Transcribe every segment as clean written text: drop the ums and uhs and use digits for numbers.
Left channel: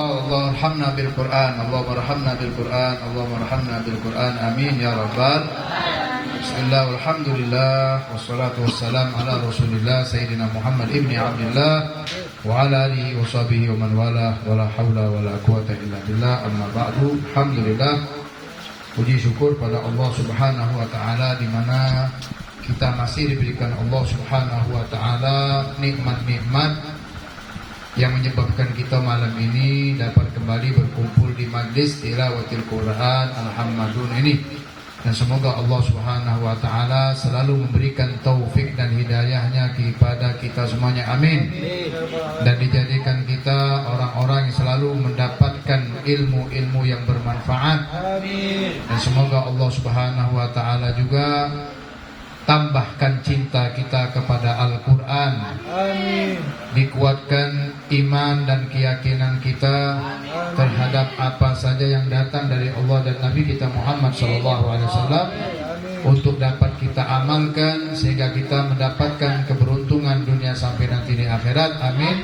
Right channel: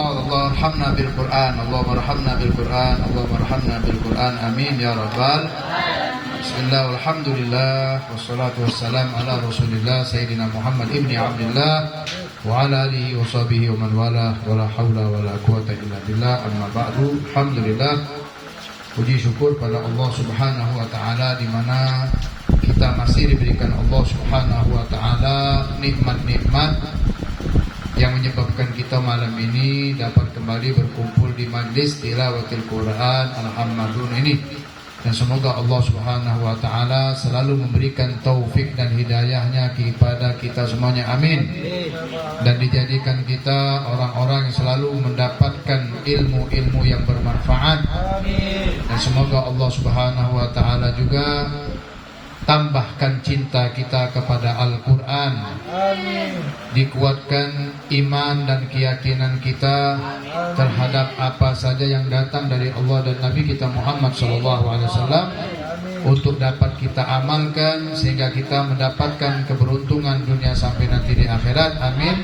Allah arhamna bil Quran, Allahumma arhamna bil Quran, Allahumma arhamna bil Quran, amin ya rabbal. Bismillah, alhamdulillah, wassalatu wassalam ala rasulillah Sayyidina Muhammad ibni Abdullah wa ala alihi wa sahbihi wa man wala wa la hawla wa la quwata illa billah, amma ba'du. Alhamdulillah, puji syukur pada Allah subhanahu wa ta'ala, di mana kita masih diberikan Allah subhanahu wa ta'ala nikmat-nikmat yang menyebabkan kita malam ini dapat kembali berkumpul di majlis tilawatil Quran Al-Hammadun ini. Dan semoga Allah subhanahu wa ta'ala selalu memberikan taufik dan hidayahnya kepada kita semuanya, amin. Dan dijadikan kita orang-orang yang selalu mendapatkan ilmu-ilmu yang bermanfaat. Dan semoga Allah subhanahu wa ta'ala juga tambahkan cinta kita kepada Al-Quran. Dikuatkan iman dan keyakinan kita terhadap apa saja yang datang dari Allah dan Nabi kita Muhammad SAW, untuk dapat kita amalkan sehingga kita mendapatkan keberuntungan dunia sampai nanti di akhirat, amin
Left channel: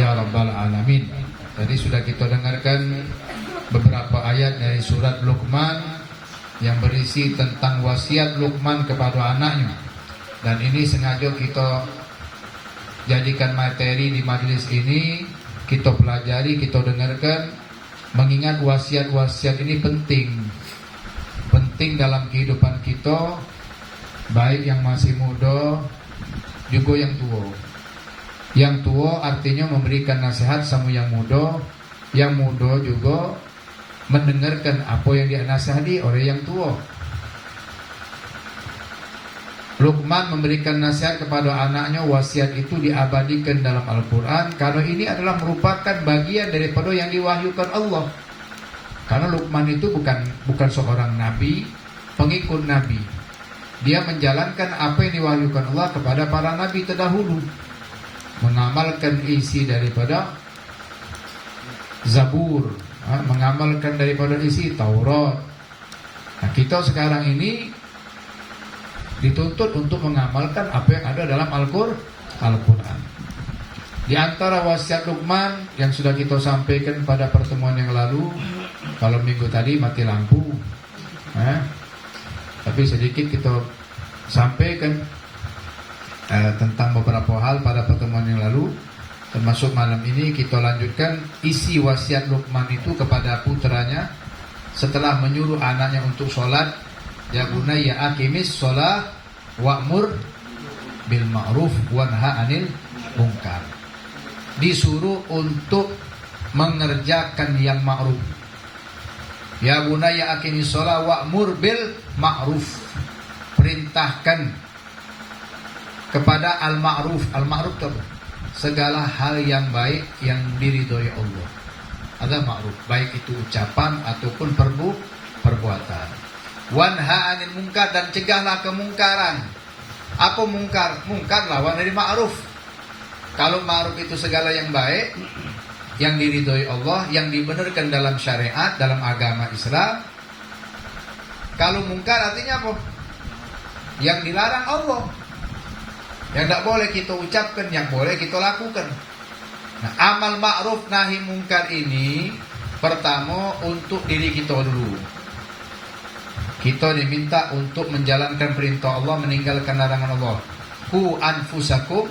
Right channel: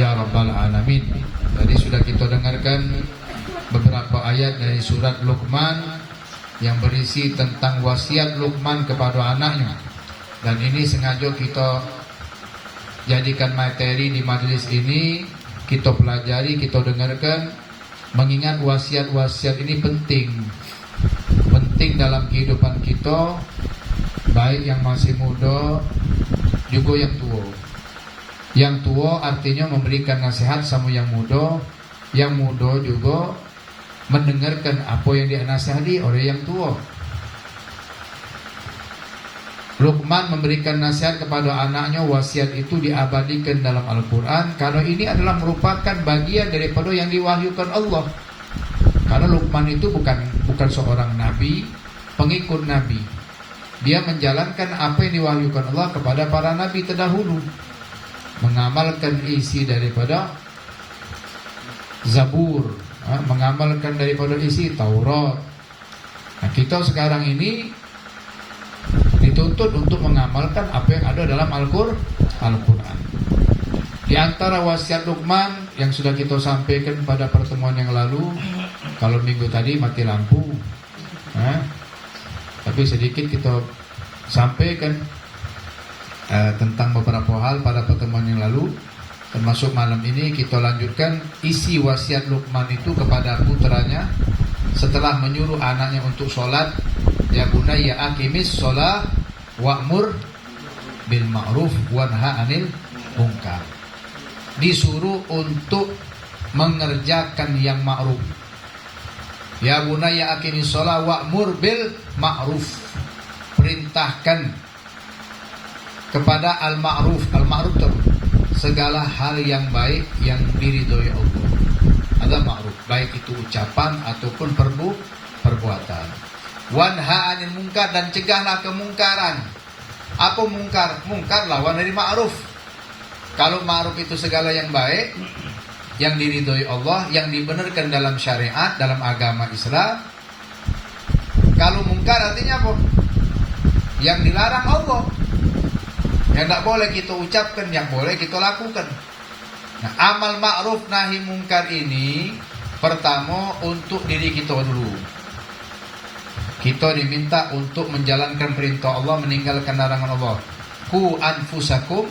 ya rabbal alamin. Tadi sudah kita dengarkan beberapa ayat dari surat Luqman yang berisi tentang wasiat Luqman kepada anaknya. Dan ini sengaja kita jadikan materi di majelis ini, kita pelajari, kita dengarkan, mengingat wasiat-wasiat ini penting dalam kehidupan kita, baik yang masih muda juga yang tua. Yang tua artinya memberikan nasihat sama yang muda juga mendengarkan apa yang dinasihati oleh yang tua. Luqman memberikan nasihat kepada anaknya, wasiat itu diabadikan dalam Al-Quran karena ini adalah merupakan bagian daripada yang diwahyukan Allah. Karena Luqman itu bukan seorang nabi, pengikut nabi. Dia menjalankan apa yang diwahyukan Allah kepada para nabi terdahulu, mengamalkan isi daripada Zabur, mengamalkan daripada isi Taurat. Nah, kita sekarang ini dituntut untuk mengamalkan apa yang ada dalam Al-Quran. Di antara wasiat Luqman yang sudah kita sampaikan pada pertemuan yang lalu, kalau minggu tadi mati lampu, tapi sedikit kita sampaikan tentang beberapa hal pada pertemuan yang lalu. Termasuk malam ini kita lanjutkan isi wasiat Luqman itu kepada putranya setelah menyuruh anaknya untuk sholat. Ya bunayya aqimis sholat wa'mur bil ma'ruf wanha 'anil munkar. Disuruh untuk mengerjakan yang ma'ruf. Ya bunayya aqimis sholat wa'mur bil ma'ruf. Perintahkan kepada al-ma'ruf. Al-ma'ruf itu segala hal yang baik yang diridhoi Allah. Ada ma'ruf, baik itu ucapan ataupun perbuatan. Wanha 'anil munkar, dan cegahlah kemungkaran. Apa mungkar? Mungkar lawan dari ma'ruf. Kalau ma'ruf itu segala yang baik yang diridhoi Allah, yang dibenarkan dalam syariat, dalam agama Islam. Kalau mungkar artinya apa? Yang dilarang Allah, yang tidak boleh kita ucapkan, yang boleh kita lakukan. Nah, amal ma'ruf nahi mungkar ini pertama untuk diri kita dulu. Kita diminta untuk menjalankan perintah Allah, meninggalkan larangan Allah. Qu anfusakum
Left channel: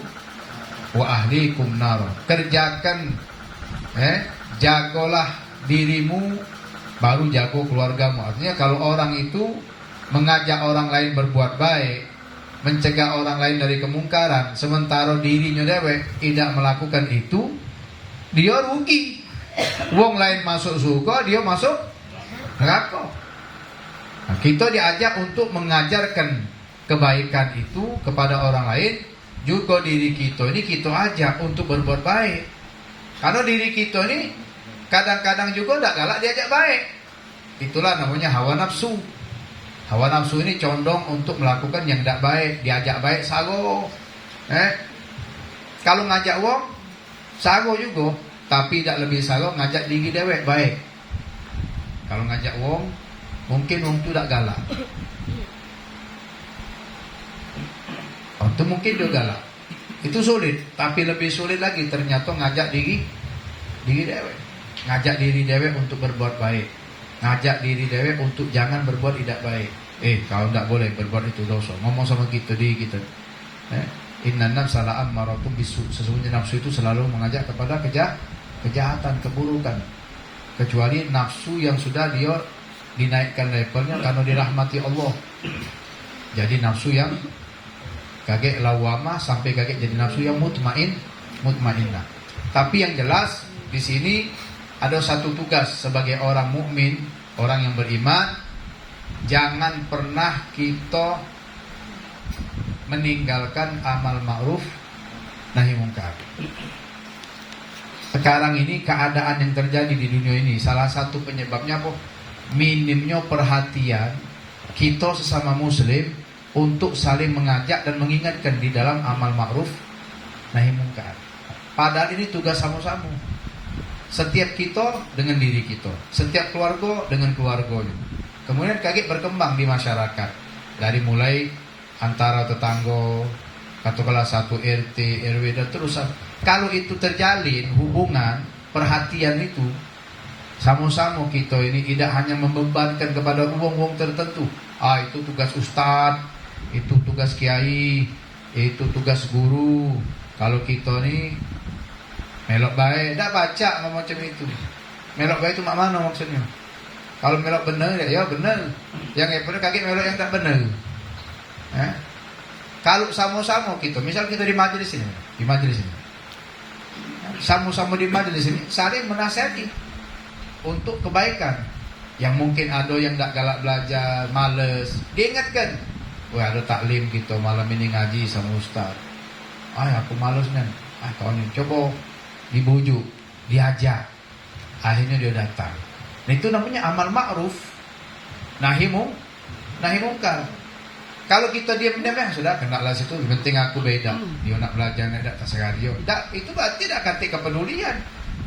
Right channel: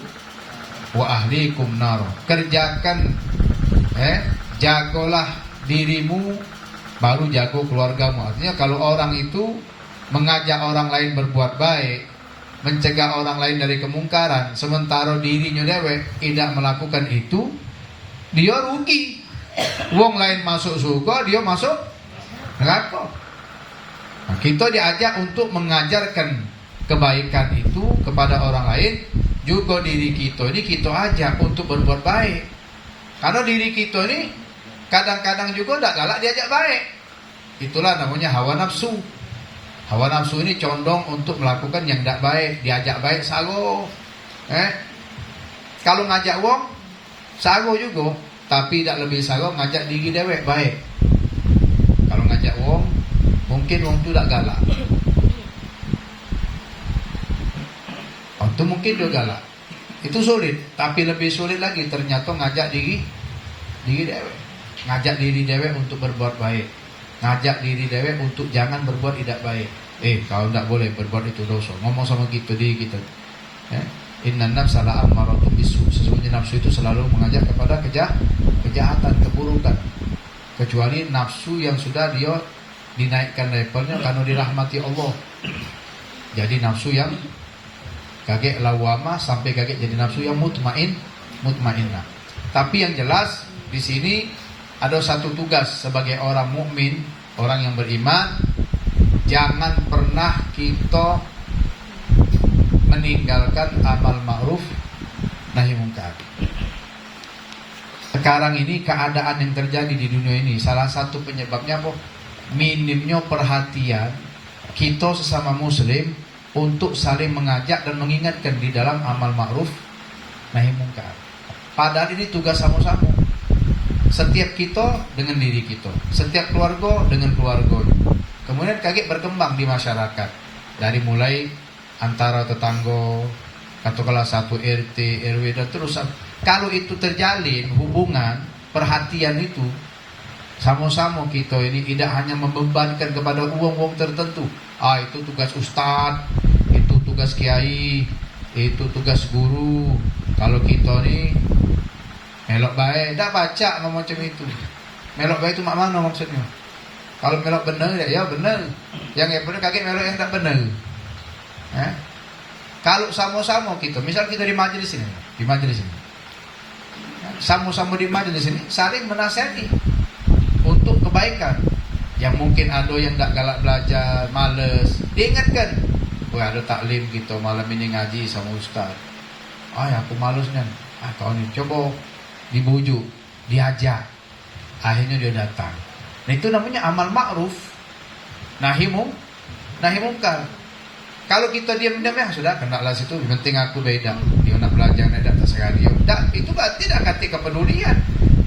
wa ahlikum nar. Kerjakan, jagalah dirimu, baru jaga keluargamu. Artinya kalau orang itu mengajak orang lain berbuat baik, mencegah orang lain dari kemungkaran, sementara dirinya dewek tidak melakukan itu, dia rugi. Wong lain masuk surga, dia masuk neraka. Nah, kita diajak untuk mengajarkan kebaikan itu kepada orang lain. Juga diri kita ini kita ajak untuk berbuat baik. Karena diri kita ini kadang-kadang juga tidak galak diajak baik. Itulah namanya hawa nafsu. Hawa nafsu ini condong untuk melakukan yang tidak baik. Diajak baik sago. Kalau ngajak wong sago juga, tapi tidak lebih sago ngajak diri dewek baik. Kalau ngajak wong, mungkin wong itu tidak galak. Itu mungkin dia galak. Itu sulit, tapi lebih sulit lagi ternyata ngajak diri dewek. ngajak diri dewek untuk berbuat baik, ngajak diri dewek untuk jangan berbuat tidak baik. Kalau tidak boleh berbuat itu dosa. Ngomong sama kita di kita. Inna nafsa la'ammaratun bisu. Sesungguhnya nafsu itu selalu mengajak kepada kejahatan, keburukan. Kecuali nafsu yang sudah dia dinaikkan levelnya karena dirahmati Allah. Jadi nafsu yang kaget lawamah sampai kaget jadi nafsu yang mutmainnah. Tapi yang jelas di sini ada satu tugas sebagai orang mukmin, orang yang beriman, jangan pernah kita meninggalkan amal ma'ruf nahi mungkar. Sekarang ini keadaan yang terjadi di dunia ini, salah satu penyebabnya apa? Minimnya perhatian kita sesama muslim untuk saling mengajak dan mengingatkan di dalam amal ma'ruf nahi mungkar. Padahal ini tugas sama-sama. Setiap kita dengan diri kita, setiap keluarga dengan keluarganya. Kemudian kaget berkembang di masyarakat. Dari mulai antara tetangga, katakanlah satu RT, RW dan terus. Kalau itu terjalin hubungan, perhatian itu sama-sama kita ini tidak hanya membebankan kepada uang-uang tertentu. Itu tugas ustadz, itu tugas kiai, itu tugas guru. Kalau kita ini melok baik, tak baca ngomong macam itu. Melok baik itu mana maksudnya? Kalau melok benar ya benar. Yang benar kaget melok yang tak benar. Kalau sama-sama kita, misal kita di majelis ini, sama-sama di majelis ini saling menasihati untuk kebaikan. Yang mungkin ada yang tak galak belajar, males, diingatkan. Wah, ada taklim kita malam ini ngaji sama ustaz. Aku males kan. Kau ni coba dibujuk, diajak. Akhirnya dia datang. Itu namanya amal ma'ruf nahi mungkar. Kalau kita diam-diam sudah kenalah situ, penting aku beda. Dia nak belajar nak tak sekali. Itu berarti tidak kata kepedulian.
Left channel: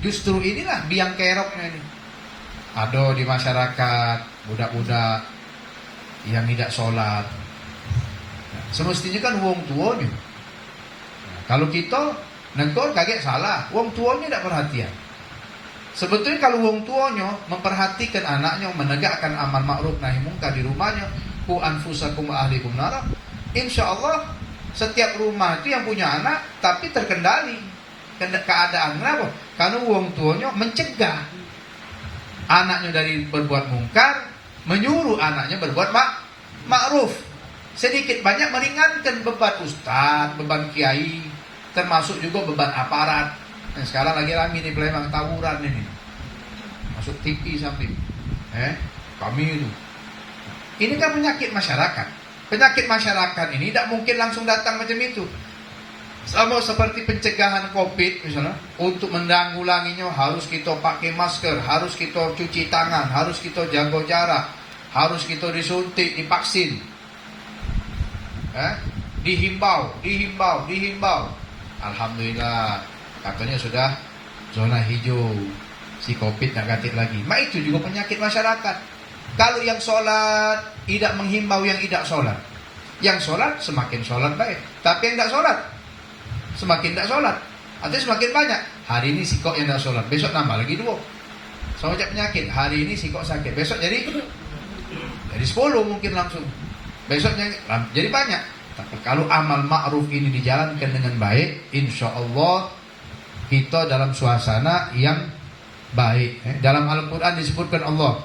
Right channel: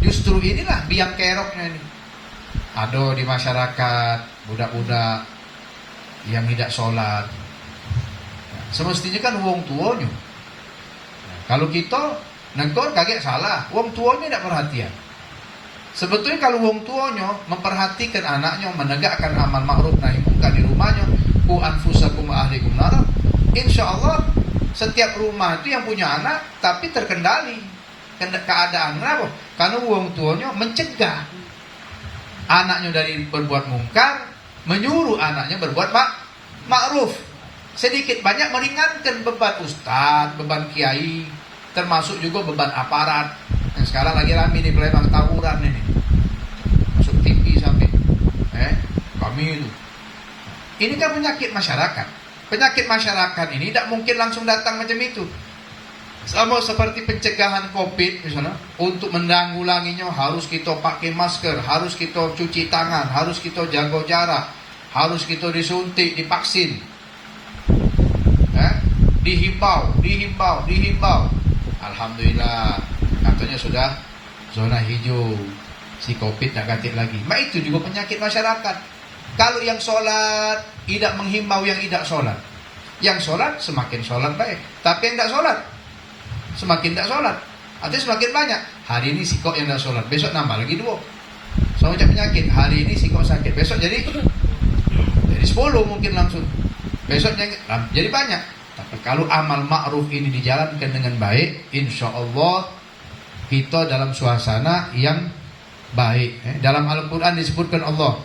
Justru inilah biang keroknya ini. Ada di masyarakat budak-budak yang tidak sholat. Semestinya kan wong tuanya. Kalau kita negor kaget salah, wong tuanya tidak perhatian. Sebetulnya kalau wong tuanya memperhatikan anaknya, menegakkan amal ma'ruf nahi mungkar di rumahnya, ku anfusakum ahlikum nar, insyaallah setiap rumah itu yang punya anak tapi terkendali keadaan. Kenapa? Karena wong tuanya mencegah anaknya dari berbuat mungkar, menyuruh anaknya berbuat ma'ruf. Sedikit banyak meringankan beban ustaz, beban kiai, termasuk juga beban aparat. Sekarang lagi rame nih pelembang tawuran ini, masuk TV sampai kami itu. Ini kan penyakit masyarakat. Penyakit masyarakat ini tidak mungkin langsung datang macam itu. Sama seperti pencegahan COVID misalnya, untuk menanggulanginya harus kita pakai masker, harus kita cuci tangan, harus kita jaga jarak, harus kita disuntik, divaksin. Dihimbau. Alhamdulillah, katanya sudah zona hijau, si COVID tak katik lagi. Itu juga penyakit masyarakat. Kalau yang sholat tidak menghimbau yang tidak sholat, yang sholat semakin sholat baik, tapi yang tidak sholat semakin tidak sholat, artinya semakin banyak. Hari ini si kok yang tidak sholat, besok nambah lagi 2. So macam penyakit. Hari ini si kok sakit, besok jadi 10 mungkin langsung, besoknya jadi banyak. Tapi kalau amal ma'ruf ini dijalankan dengan baik, insya Allah kita dalam suasana yang baik. Dalam Al-Quran disebutkan Allah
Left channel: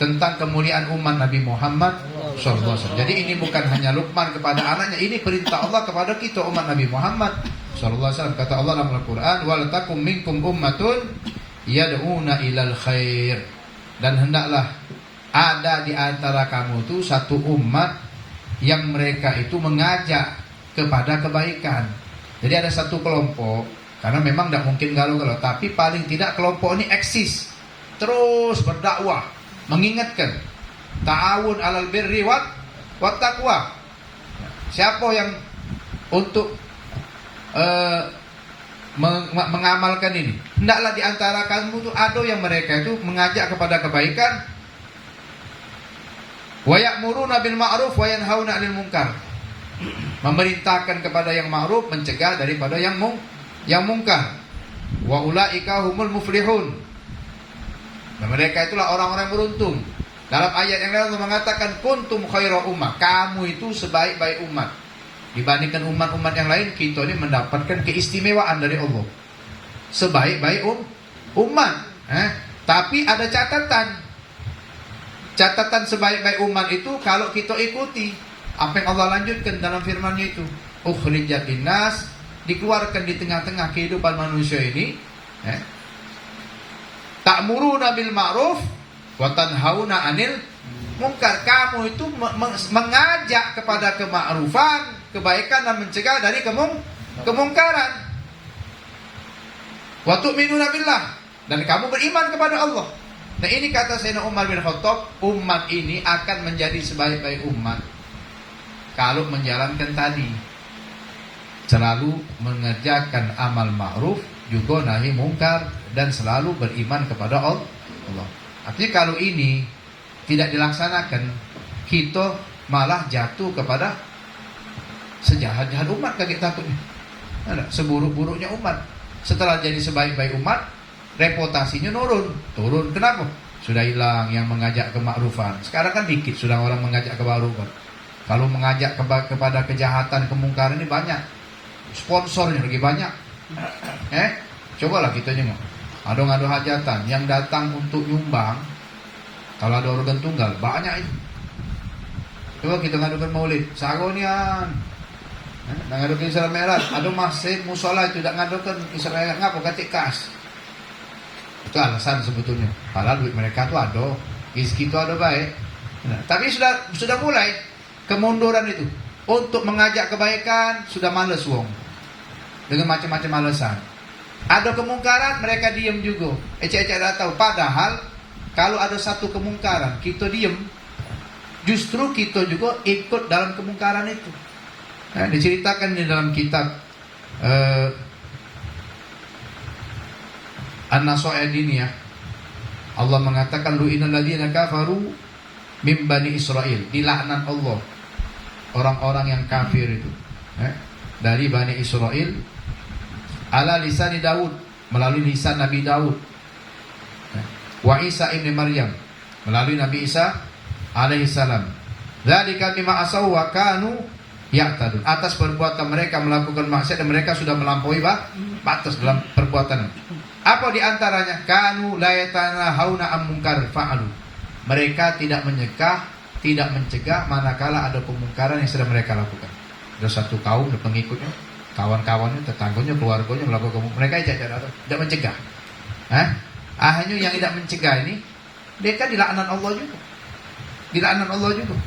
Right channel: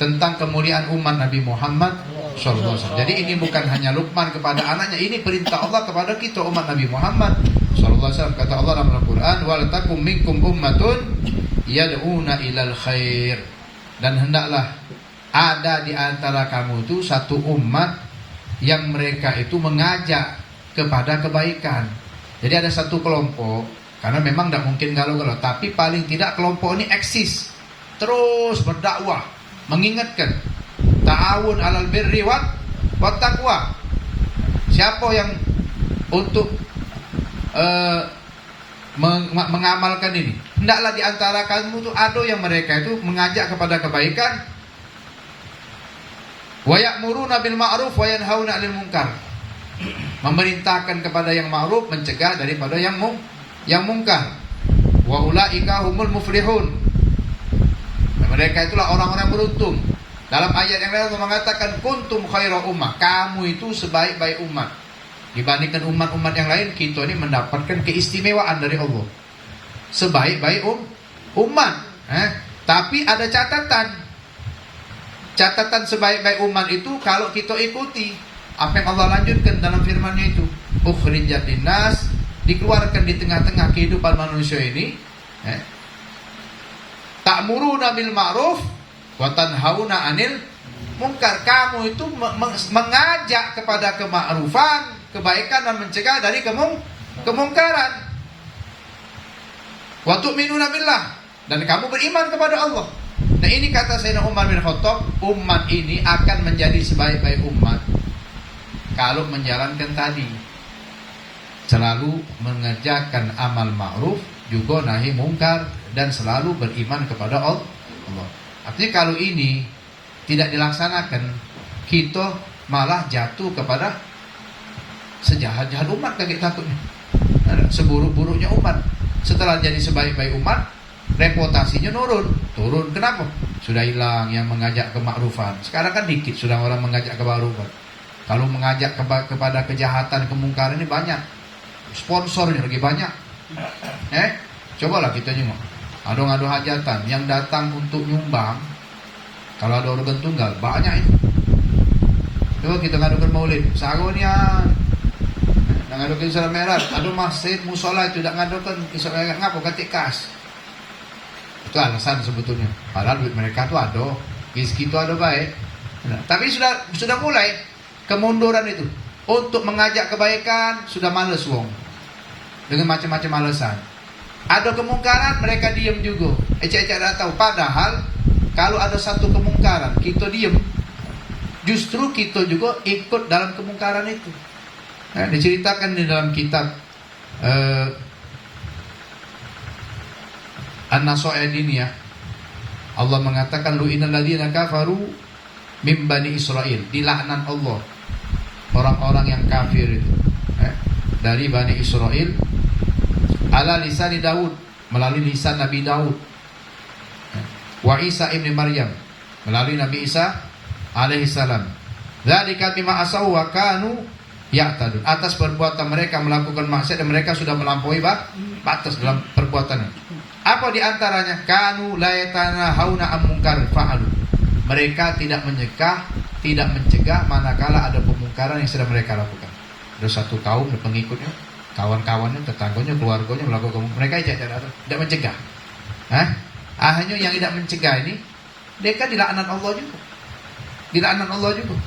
tentang kemuliaan umat Nabi Muhammad SAW. Jadi ini bukan hanya Luqman kepada anaknya, ini perintah Allah kepada kita umat Nabi Muhammad SAW. Kata Allah dalam Al-Quran, wal takum minkum ummatun yad'una ilal khair. Dan hendaklah ada di antara kamu itu satu umat yang mereka itu mengajak kepada kebaikan. Jadi ada satu kelompok, karena memang tidak mungkin galau-galau, tapi paling tidak kelompok ini eksis, terus berdakwah, mengingatkan, ta'awun alal birri wat taqwa. Siapa yang untuk mengamalkan ini? Hendaklah di antara kamu itu ada yang mereka itu mengajak kepada kebaikan, wa ya'muruna bil ma'ruf wa yanhauna 'anil munkar. Memerintahkan kepada yang ma'ruf, mencegah daripada yang mungkar. Wa ulaika humul muflihun. mereka itulah orang-orang yang beruntung. Dalam ayat yang lain mengatakan kuntum khaira ummah, kamu itu sebaik-baik umat. Dibandingkan umat-umat yang lain, kita ini mendapatkan keistimewaan dari Allah. Sebaik-baik umat. Tapi ada catatan. Catatan sebaik-baik umat itu kalau kita ikuti apa yang Allah lanjutkan dalam firman-Nya itu. Ukhrijat linnas, dikeluarkan di tengah-tengah kehidupan manusia ini. Ta'muruna bil ma'ruf wa tanhauna 'anil munkar. Kamu itu mengajak kepada kema'rufan, kebaikan, dan mencegah dari kemungkaran. Wa tu'minuna billah, dan kamu beriman kepada Allah. Nah, ini kata Sayyidina Umar bin Khattab, umat ini akan menjadi sebaik-baik umat kalau menjalankan tadi, selalu mengerjakan amal ma'ruf, juga nahi mungkar, dan selalu beriman kepada Allah. Artinya kalau ini tidak dilaksanakan, kita malah jatuh kepada sejahat-jahat umat, kaget takutnya, seburuk-buruknya umat. Setelah jadi sebaik-baik umat, reputasinya turun. Kenapa? Sudah hilang yang mengajak kemakrufan. Sekarang kan dikit sudah orang mengajak kemakrufan. Kalau mengajak kepada kejahatan, kemungkaran ini banyak. Sponsornya lagi banyak. Cobalah kita juga. Ado-ado hajatan yang datang untuk nyumbang. Kalau ada organ tunggal banyak itu. Coba kita ngadukan maulid, sagonian. Ngadukan Isra Mi'raj, ada masjid musola itu tidak ngadukan Isra Mi'raj, ngapa katik kas. Itu alasan sebetulnya. Padahal duit mereka tuh ada, rezeki itu ada baik. Tapi sudah mulai kemunduran itu. Untuk mengajak kebaikan sudah males wong. Dengan macam-macam alasan. Ada kemungkaran, mereka diam juga. Ecek-ecek tidak tahu. Padahal kalau ada satu kemungkaran, kita diam, justru kita juga ikut dalam kemungkaran itu. Diceritakan di dalam kitab An-Nasa'id ini ya. Allah mengatakan lu'inal ladzina kafaru min bani Israil. Dilaknat Allah orang-orang yang kafir itu dari Bani Israel ala lisan Daud, melalui lisan Nabi Daud, wa Isa ibn Maryam, melalui Nabi Isa alaihi salam. Dzalika bima asaw wa kanu ya'tadun. Atas perbuatan mereka melakukan maksiat dan mereka sudah melampaui batas dalam perbuatan. Apa di antaranya? Kanu la yatanahawna an munkar fa'alu. Mereka tidak mencegah manakala ada pemungkaran yang sedang mereka lakukan. Ada satu kaum pengikutnya, kawan-kawannya, tetangganya, keluarganya melakukan, mereka tidak mencegah. Hanya yang tidak mencegah ini, mereka dilaknat Allah juga. Dilaknat Allah juga.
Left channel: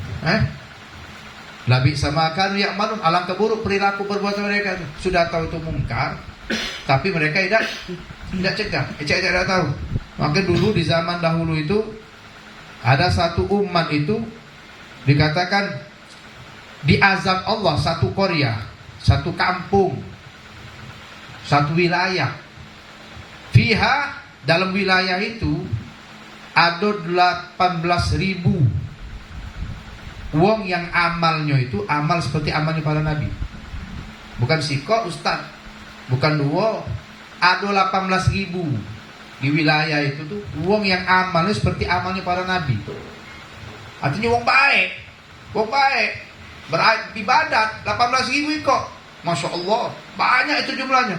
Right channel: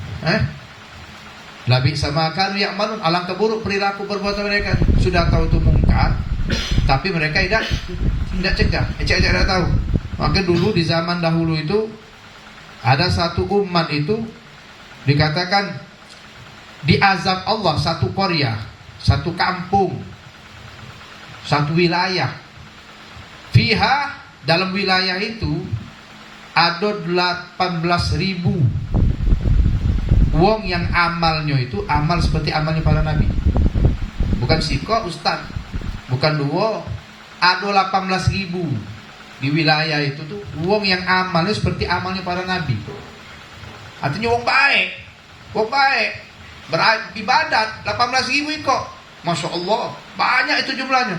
Labi sama kanu ya'malun, alangkah buruk perilaku perbuatan mereka. Sudah tahu itu mungkar, tapi mereka tidak cegah. Tidak tahu. Maka dulu di zaman dahulu itu ada satu umat itu dikatakan diazab Allah, satu Korea, satu kampung, satu wilayah. Fiha, dalam wilayah itu ada 18.000 wong yang amalnya itu amal seperti amalnya para nabi. Bukan siko ustaz, bukan duo, ada 18.000 di wilayah itu tuh wong yang amalnya seperti amalnya para nabi. Artinya wong baik, beribadat 18.000 kok. Masya Allah, banyak itu jumlahnya.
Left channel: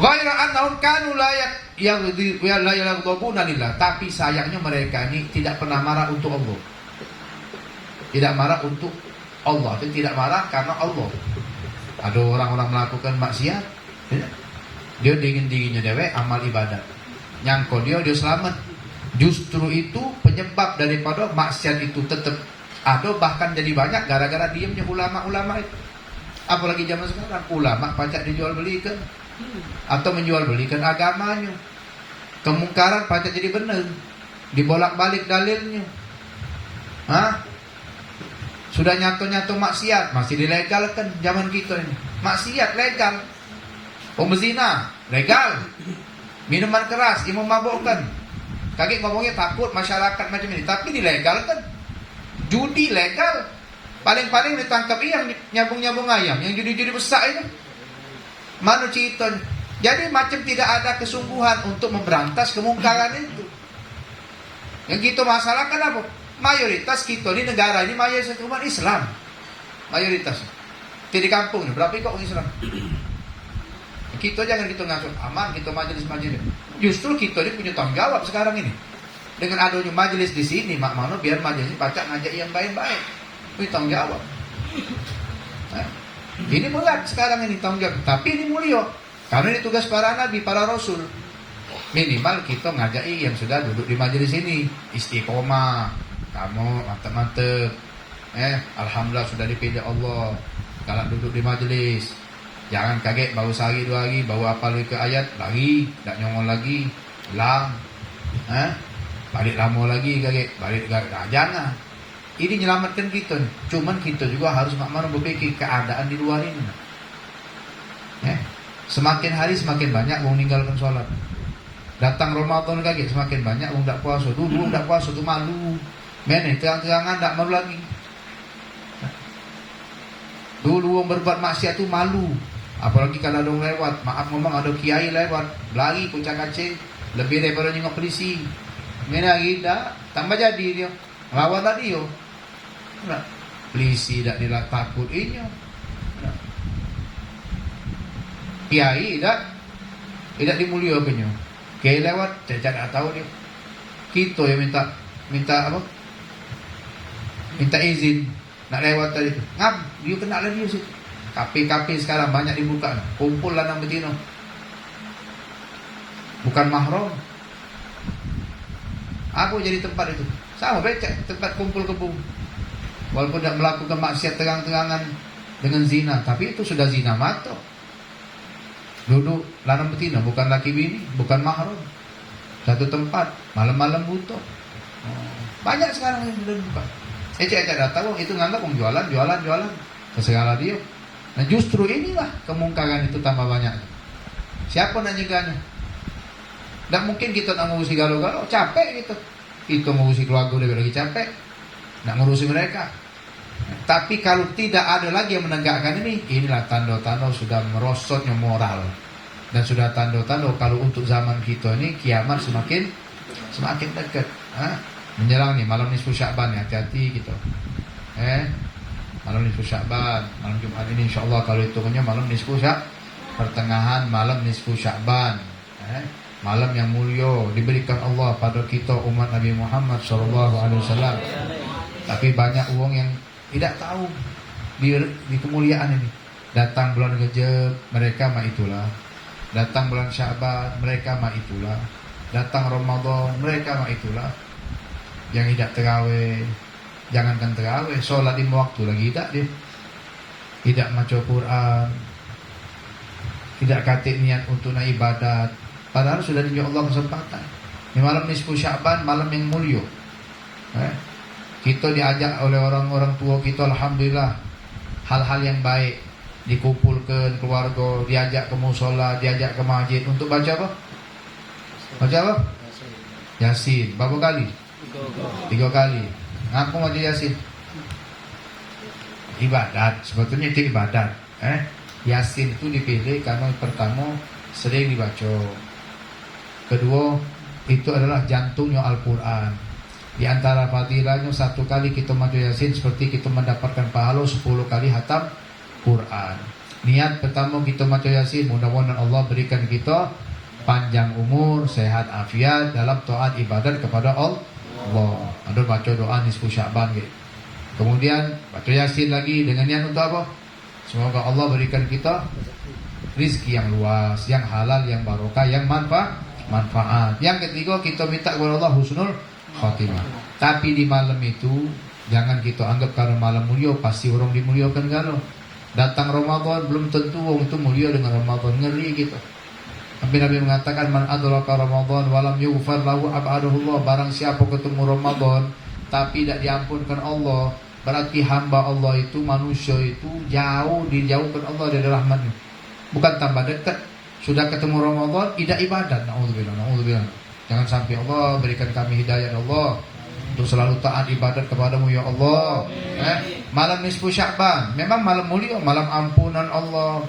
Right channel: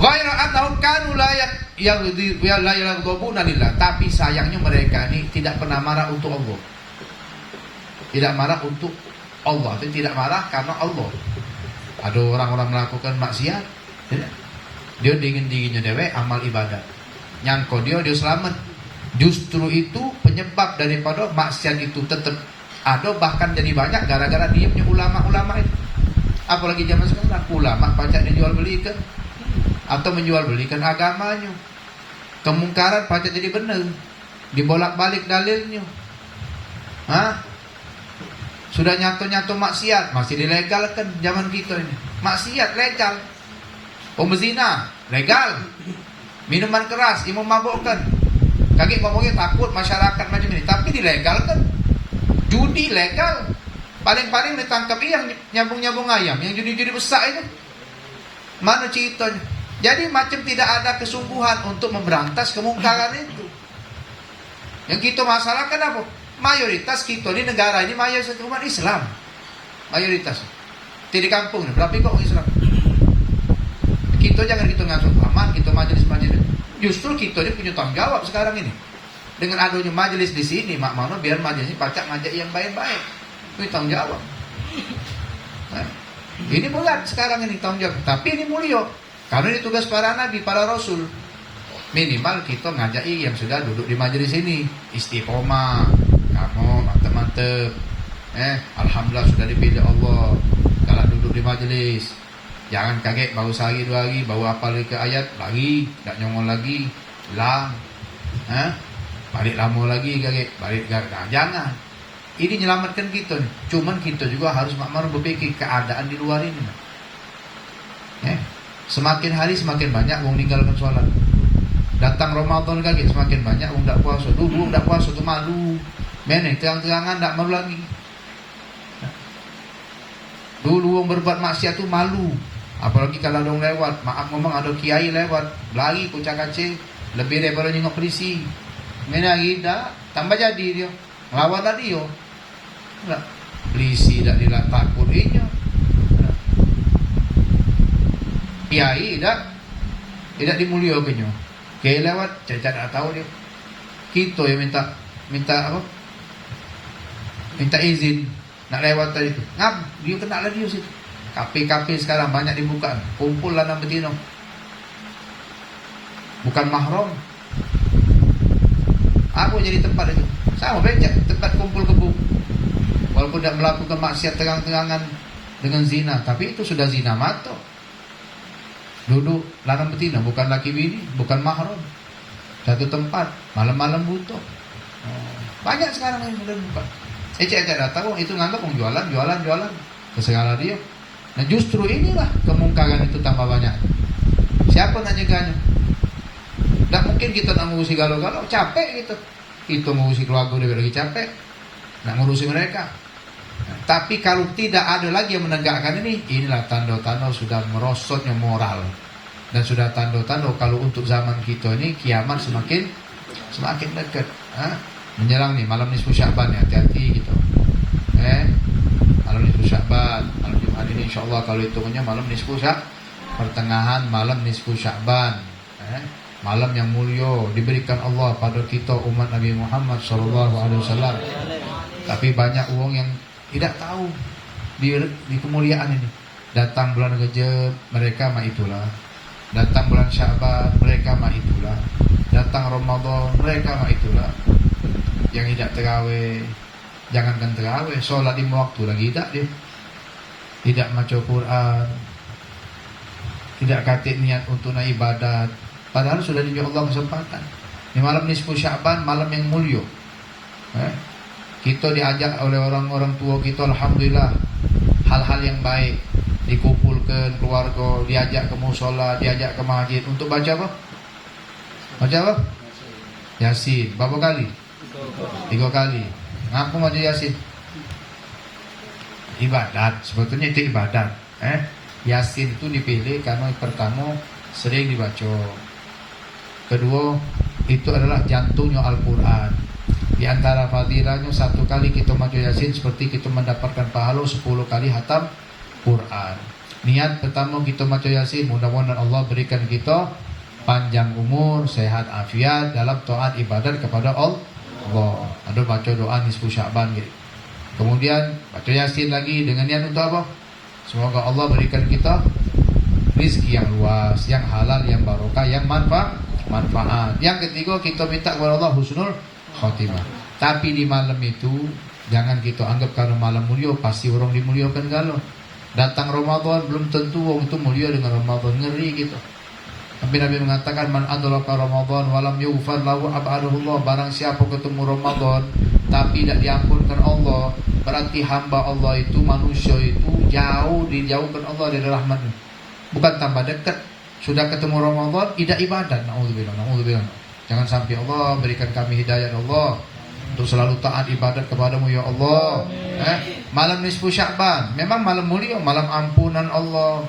Ghaira annahum kanu la yaghdabuna lillah. Tapi sayangnya mereka ini tidak pernah marah untuk Allah. Tidak marah untuk Allah, tapi tidak marah karena Allah. Ada orang-orang melakukan maksiat, dia dingin-dinginnya dewe amal ibadat. Nyangko dia selamat. Justru itu penyebab daripada maksiat itu tetap ada, bahkan jadi banyak gara-gara diamnya ulama-ulama itu. Apalagi zaman sekarang ulama pacak dijual belikan atau menjual belikan agamanya. Kemungkaran pacak jadi benar, dibolak-balik dalilnya. Sudah nyatu-nyatu maksiat masih dilegalkan zaman kita ini. Maksiat legal. Pemzina legal. Minuman keras, imam mabukkan. Kaki ngomongnya takut masyarakat macam ini, tapi dilegalkan. Judi legal. Paling-paling ditangkap yang nyambung-nyambung ayam, yang judi-judi besar itu. Mana ceritanya? Jadi macam tidak ada kesungguhan untuk memberantas kemungkaran itu. Yang kita masalahkan apa? Mayoritas kita di negara ini mayoritas umat Islam. Mayoritas. Di kampung berapa kok Islam? Kita jangan kita ngasuh aman, kita majelis-majelis. Justru kita ini punya tanggung jawab sekarang ini. Dengan adanya majelis di sini, mak mano biar majelis baca ngajak yang baik-baik. Itu tanggung jawab. Nah, ini berat sekarang ini tanggung jawab. Tapi ini mulia. Karena ini tugas para nabi, para rasul. Minimal kita ngajai yang sudah duduk di majelis ini. Istiqomah. Kamu mantep-mantep. Alhamdulillah sudah dipilih Allah. Kalau duduk di majelis, jangan kaget bau sehari 2 hari, bau apa lagi ke ayat, lagi, tak nyongol lagi, hilang. Balik lama lagi kaget, balik jangan. Ini menyelamatkan kita. Cuman kita juga harus makmur berpikir keadaan di luar ini. Semakin hari semakin banyak orang meninggalkan sholat. Datang Ramadan kaget semakin banyak orang tak puasa. Dulu tak puasa tu malu. Mana terang-terangan tak malu lagi. Dulu orang berbuat maksiat tu malu. Apalagi kalau ada orang lewat, maaf ngomong ada kiai lewat, lari puncak kacing, lebih daripada nyengok polisi. Mana lagi dah tambah jadi dia. Lawan tadi yo. Polisi tak dilatak pun ini. Kiai tidak dimuliakannya. Kiai lewat, saya tak tahu dia. Kita yang minta apa? Minta izin nak lewat tadi tu. Ngam, dia kena lagi situ. Kafe-kafe sekarang banyak dibuka. Kumpul lanang betina. Bukan mahram. Apa jadi tempat itu? Sama becak, tempat kumpul kebun. Walaupun tidak melakukan maksiat terang-terangan dengan zina, tapi itu sudah zina mata. Duduk lanang betina, bukan laki bini, bukan mahram. Satu tempat, malam-malam butuh. Banyak sekarang yang sudah dibuka. Cek datang, itu nganggap jualan ke segala dia. Nah justru inilah kemungkaran itu tambah banyak. Siapa nak nyegahnya? Tak mungkin kita nak ngurusi galau-galau, capek gitu. Kita ngurusi keluarga lebih lagi capek. Nak ngurusi mereka. Nah, tapi kalau tidak ada lagi yang menegakkan ini, inilah tanda-tanda sudah merosotnya moral. Dan sudah tanda-tanda kalau untuk zaman kita ini kiamat semakin dekat. Menyerang nih malam nisfu Sya'ban, hati-hati gitu. Malam nisfu Sya'ban, malam Jumat ini insyaallah kalau hitungannya malam nisfu pertengahan malam nisfu Sya'ban. Malam yang mulia diberikan Allah pada kita umat Nabi Muhammad SAW. Tapi banyak orang yang tidak tahu di kemuliaan ini. Datang bulan Rajab, mereka mah itulah. Datang bulan Sya'ban, mereka mah itulah. Datang Ramadan, mereka mah itulah. Yang tidak terawih, jangankan terawih, sholat di waktu lagi tidak baca Quran, tidak kata niat untuk naik ibadat, padahal sudah diberi Allah kesempatan. Di malam nisfu Sya'ban, malam yang mulia. Kita diajak oleh orang-orang tua kita, alhamdulillah, hal-hal yang baik, dikumpulkan keluarga, diajak ke musola, diajak ke masjid untuk baca apa? Baca apa? Yasin. Berapa kali? 3 kali. Ngapain baca Yasin? Ibadat. Sebetulnya itu ibadat. Yasin itu dipilih karena pertama sering dibaca. Kedua, itu adalah jantungnya Al-Quran. Di antara fadilahnya 1 kali kita baca Yasin seperti kita mendapatkan pahala 10 kali hatam Quran. Niat pertama kita baca Yasin, mudah-mudahan Allah berikan kita panjang umur, sehat afiat dalam taat ibadat kepada Allah. Ada baca doa nisfu Sya'ban gitu. Kemudian baca Yasin lagi dengan niat untuk apa? Semoga Allah berikan kita rizki yang luas, yang halal, yang barokah, yang manfaat. Yang ketiga kita minta kepada Allah husnul khotimah. Tapi di malam itu jangan kita anggap karena malam mulia pasti orang dimuliakan galau. Datang Ramadan belum tentu orang itu mulia dengan Ramadan, ngeri gitu. Tapi Nabi mengatakan man adraka Ramadan walam yughfar lahu ab'adahullah, barang siapa ketemu Ramadan tapi tidak diampunkan Allah, berarti hamba Allah itu, manusia itu dijauhkan Allah dari rahmatnya. Bukan tambah dekat, sudah ketemu Ramadan tidak ibadat. Na'udzubillah. Jangan sampai Allah berikan kami hidayah Allah untuk selalu taat ibadat kepadamu ya Allah. Malam nisfu Sya'ban memang malam mulia, malam ampunan Allah.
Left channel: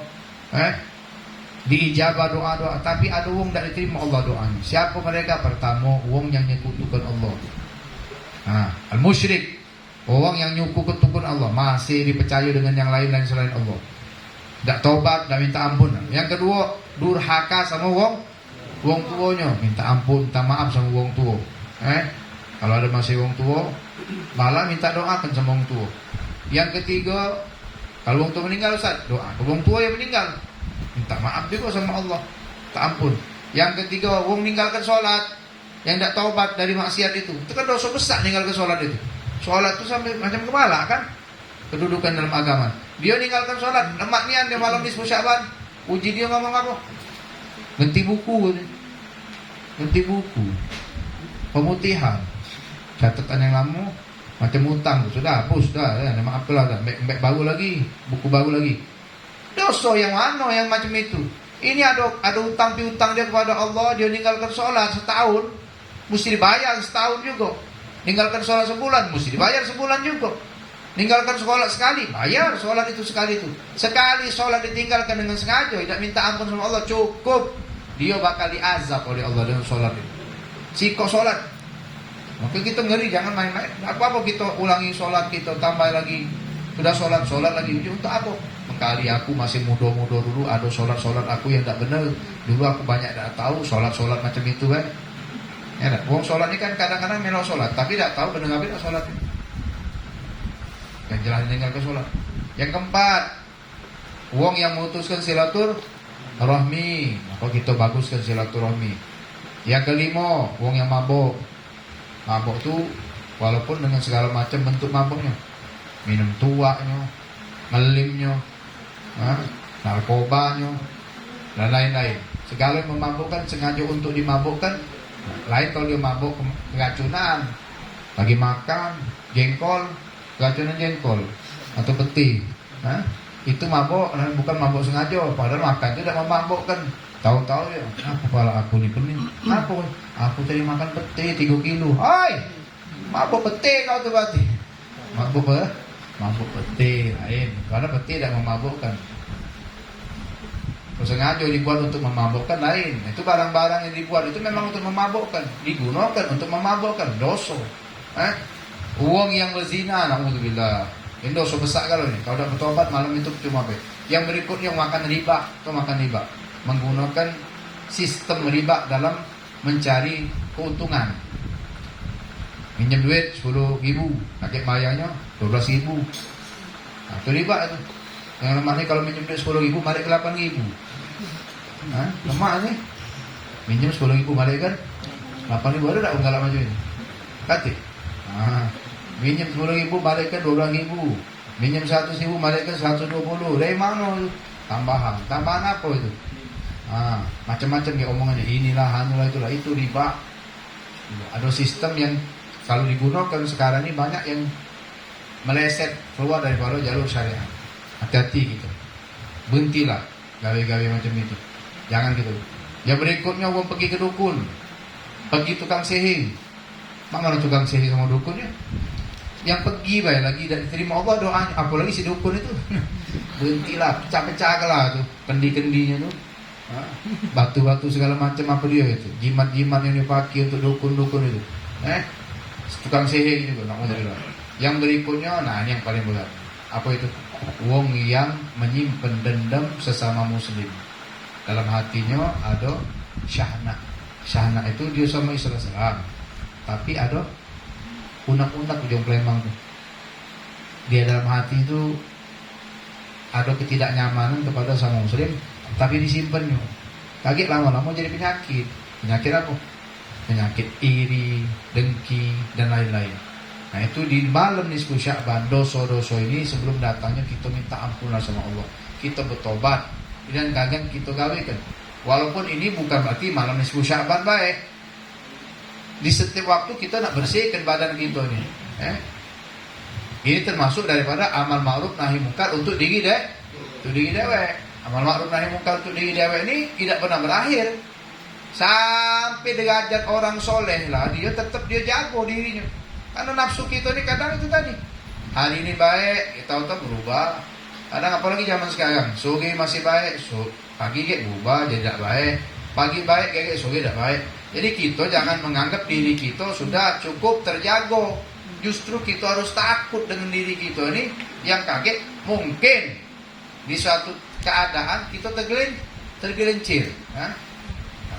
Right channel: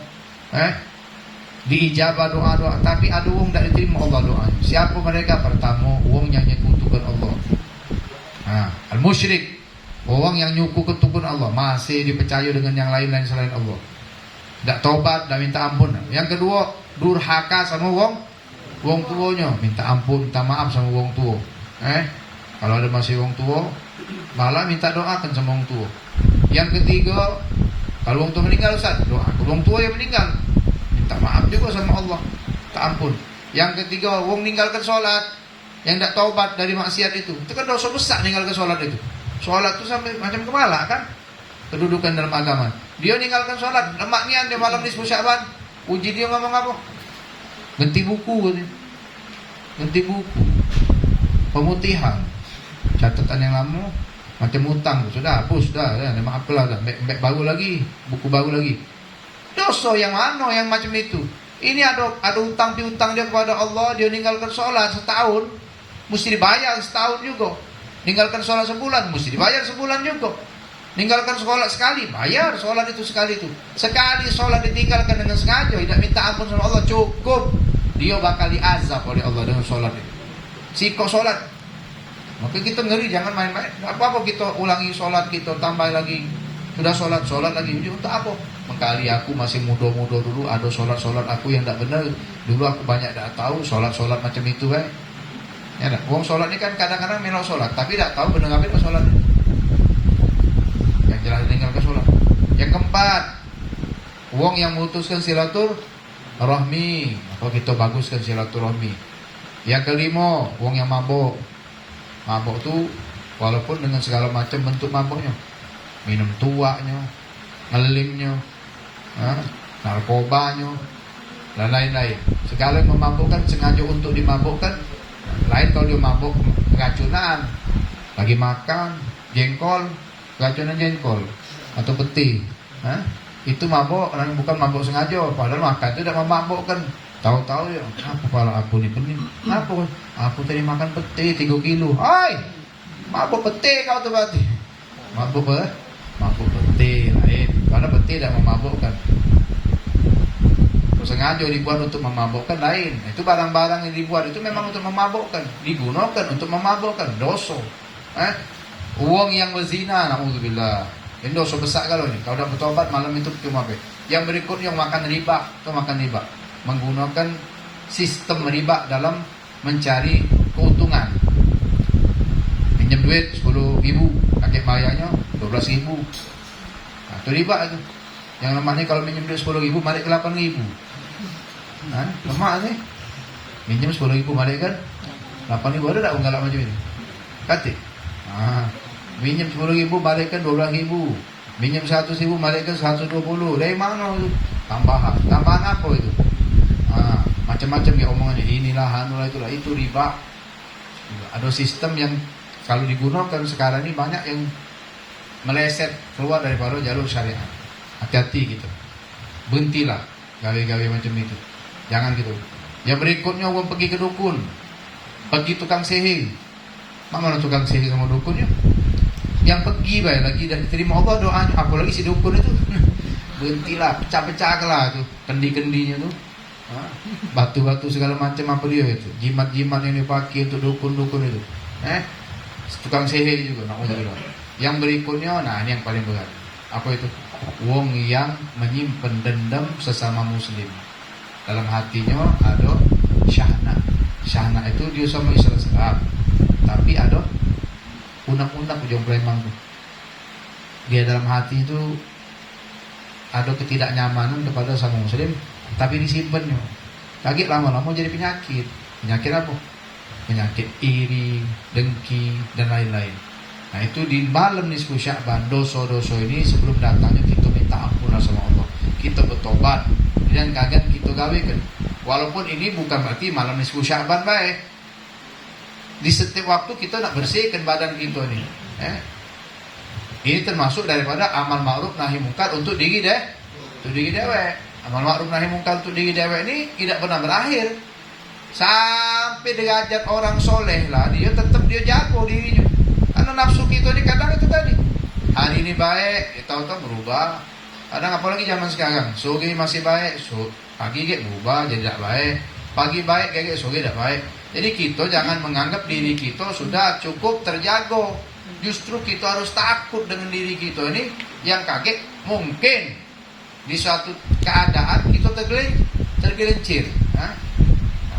diijabah doa-doa, tapi ada wong tak diterima Allah doanya. Siapa mereka? Pertama, wong yang nyekutukan Allah. Al-musyrik, orang yang nyekutukan Allah, masih dipercaya dengan yang lain selain Allah. Tak tobat, tak minta ampun. Yang kedua, durhaka sama wong tuanya, minta ampun, minta maaf sama wong tua. Kalau ada masih wong tua, malah minta doakan sama wong tua. Yang ketiga, kalau wong tua meninggal, Ustaz, doa ke wong tua yang meninggal, minta maaf juga sama Allah, minta ampun. Yang ketiga, wong meninggalkan sholat, yang tidak taubat dari maksiat itu kan dosa besar meninggalkan sholat itu. Sholat itu sampai macam kepala kan, kedudukan dalam agama. Dia meninggalkan sholat, lemak nian dia malam nisfu Sya'ban, uji dia ngomong apa? Ganti buku, pemutihan, catatan yang lama, macam utang, sudah hapus, dah, maaflah, dah, baru lagi, buku baru lagi. Dosa yang mana yang macam itu? Ini ada utang piutang dia kepada Allah, dia meninggalkan sholat setahun, mesti dibayar setahun juga. Meninggalkan sholat sebulan, mesti dibayar sebulan juga. Meninggalkan sholat sekali, bayar sholat itu sekali itu. Sekali sholat ditinggalkan dengan sengaja, tidak minta ampun sama Allah, cukup. Dia bakal diazab oleh Allah dengan sholat itu. Sikok sholat. Maka kita ngeri, jangan main-main. Apa-apa kita ulangi sholat kita, tambah lagi. Sudah sholat lagi, ujung untuk apa? Mengkali aku masih muda-muda dulu, ada sholat aku yang tak benar. Dulu aku banyak tak tahu sholat macam itu kan. Ya, wong sholat ini kan kadang-kadang melok sholat, tapi tak tahu benar apa sholat. Yang jelas tinggal ke sholat. Yang keempat, wong yang memutuskan silaturahmi, apa kita baguskan silaturahmi. Yang kelima, wong yang mabuk. Mabuk tu walaupun dengan segala macam bentuk mabuknya, minum tuaknya, ngelimnya, narkobanya, dan lain-lain. Segala yang memabukkan sengaja untuk dimabukkan. Lain kalau dia mabuk keracunan, lagi makan jengkol, keracunan jengkol atau peti, itu mabuk, bukan mabuk sengaja. Padahal makan itu tidak memabukkan. Tahu-tahu dia, kepala aku ni pening. Apa? Aku tadi makan peti 3 kilo. Hai, mabuk peti kau tu berarti. Mabuk peti lain. Karena peti tidak memabukkan. Sengaja dibuat untuk memabukkan lain. Itu barang-barang yang dibuat itu memang untuk memabukkan, digunakan untuk memabukkan, dosa. Uang yang berzina, naudzubillah, ini dosa besar kalau ni. Kalau dah bertobat malam itu cuma be. Yang berikutnya makan riba, menggunakan sistem riba dalam mencari keuntungan. Minjem duit 10.000, pakai bayarnya 12.000. Itu riba itu. Yang lemahnya kalau minjem duit 10.000 balik ke 8.000. Lemah ni. Minjem 10.000 balik kan 8.000, ada tak galak macam ini? Kata. Minjem 10.000 balik kan 12.000. Minjem 100.000 balik kan 120. Dari mana tu? Tambahan apa itu? Macam-macam dia omongannya. Inilah, itulah, itu riba. Ada sistem yang kalau digunakan sekarang ini banyak yang meleset keluar daripada jalur syariat. Hati-hati gitu. Berhentilah gawe-gawe macam itu. Jangan gitu. Yang berikutnya orang pergi ke dukun, pergi tukang sihir. Mana tukang sihir sama dukunnya? Yang pergi baik lagi dan diterima Allah doanya. Apalagi si dukun itu. Berhentilah, pecah-pecah tuh kendi-kendinya tuh. Batu-batu segala macam apa dia itu. Jimat-jimat yang dipakai untuk dukun-dukun itu. Tukang sihir juga. Yang berikutnya, ini yang paling berat. Apa itu? Wong yang menyimpan dendam sesama muslim. Dalam hatinya ada syahna. Syahna itu dia sama Islam. Tapi ada unak-unak ujung Palembang tu. Dia dalam hati itu ada ketidaknyamanan kepada sama muslim, tapi disimpannya. Kaget lama-lama jadi penyakit. Penyakit apa? Penyakit iri, dengki, dan lain-lain. Nah itu di malam nisfu Sya'ban, dosa-dosa ini sebelum datangnya kita minta ampunlah sama Allah. Kita bertobat dan kaget kita gawekan. Walaupun ini bukan berarti malam nisfu Sya'ban baik. Di setiap waktu kita nak bersihkan badan kita ni. Ini termasuk daripada amal ma'ruf nahi mungkar untuk diri dewek. Amal ma'ruf nahi mungkar untuk diri dewek ini tidak pernah berakhir. Sampai derajat orang soleh lah, dia tetap dia jago dirinya. Karena nafsu kita ni kadang itu tadi. Hari ini baik, kita tahu berubah. Kadang apalagi zaman sekarang, sore masih baik, pagi kayak berubah jadi tidak baik, pagi baik kayak sore tidak baik. Jadi kita jangan menganggap diri kita sudah cukup terjaga. Justru kita harus takut dengan diri kita ini. Yang kaget mungkin di suatu keadaan kita tergelincir.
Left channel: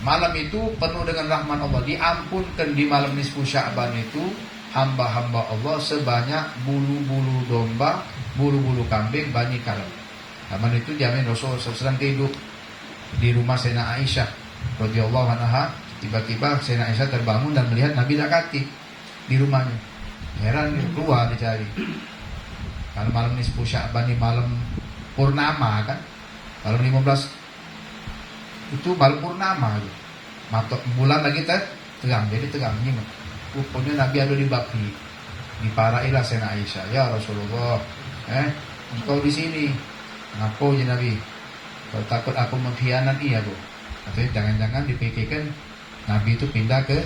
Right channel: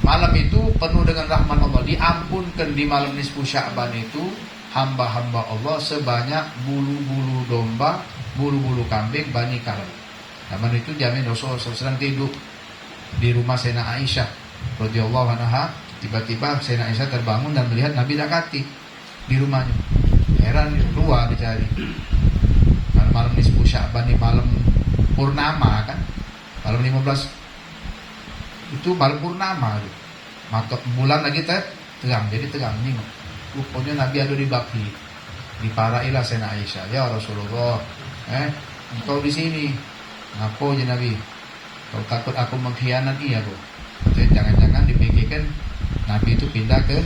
Malam itu penuh dengan rahmat Allah, diampunkan di malam nisfu Sya'ban itu hamba-hamba Allah sebanyak bulu-bulu domba, bulu-bulu kambing, bani kalb. Zaman itu jamin Rasulullah SAW tidur di rumah Sayyidina Aisyah radhiyallahu anha. Tiba-tiba Sayyidina Aisyah terbangun dan melihat Nabi dakati di rumahnya. Heran, keluar dicari. Karena malam nisfu Sya'ban ini malam purnama kan, malam 15 itu malam purnama gitu. Matok bulan lagi terang, jadi terang ini. Pokoknya Nabi ada di baki. Diparailah Sayyidina Aisyah, ya Rasulullah, engkau di sini. Ngapo ya Nabi? Kau takut aku mengkhianati ya, Bu? Jadi jangan-jangan dipikirkan Nabi itu pindah ke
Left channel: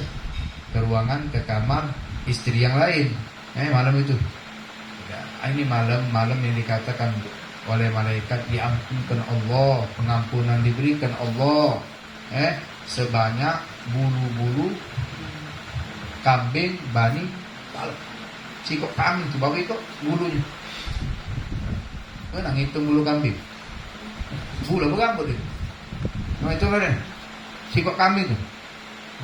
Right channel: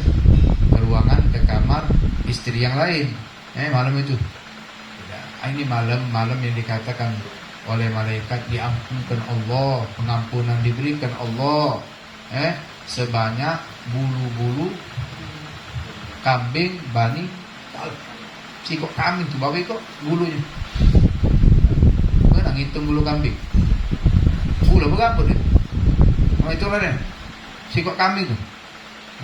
ruangan, ke kamar istri yang lain. Malam itu. Ini malam yang dikatakan oleh malaikat diampunkan Allah, pengampunan diberikan Allah, sebanyak bulu-bulu kambing bani kalb. Sikok kambing tuh babi kok bulunya. Nang hitung bulu kambing. Bulu berapa itu? Nah itu kan sikok kambing tuh.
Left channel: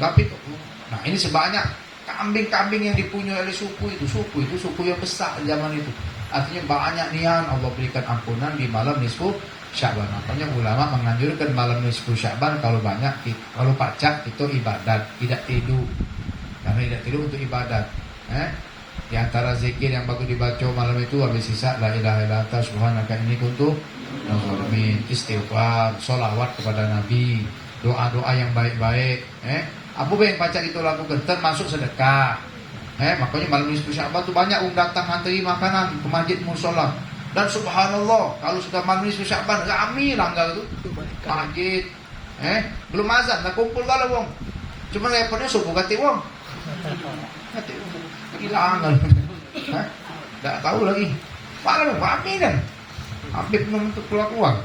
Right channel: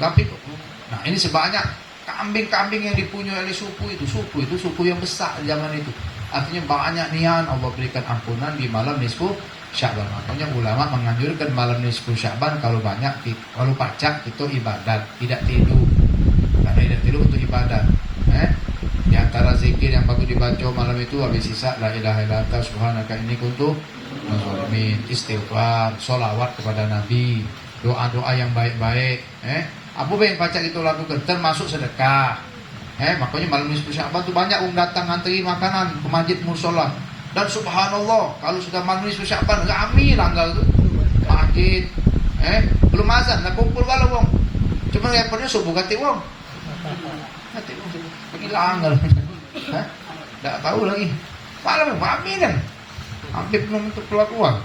Tapi kok. Nah ini sebanyak kambing-kambing yang dipunyai oleh suku itu suku yang besar zaman itu. Artinya banyak nian Allah berikan ampunan di malam nisfu Sya'ban. Makanya ulama menganjurkan malam nisfu Sya'ban kalau banyak, kalau pacak itu ibadat, tidak tidur. Karena tidak tidur untuk ibadat. Di antara zikir yang bagus dibaca malam itu habis sisa la ilaha illa anta subhanaka inni kuntu minadz zalimin, istighfar, sholawat kepada Nabi, doa-doa yang baik-baik. Apa yang pacak itu lakukan termasuk sedekah. Makanya malam nisfu Sya'ban itu banyak orang datang antri makanan ke masjid musola. Dan subhanallah, kalau sudah malam nisfu Sya'ban rame langgar itu masjid. Belum azan, nak kumpul kalau wong. Cuma repotnya subuh kati wong. Kati wong subuh. Pergi langgar. Tak tahu lagi. Malam rame kan. Hampir belum untuk keluar uang.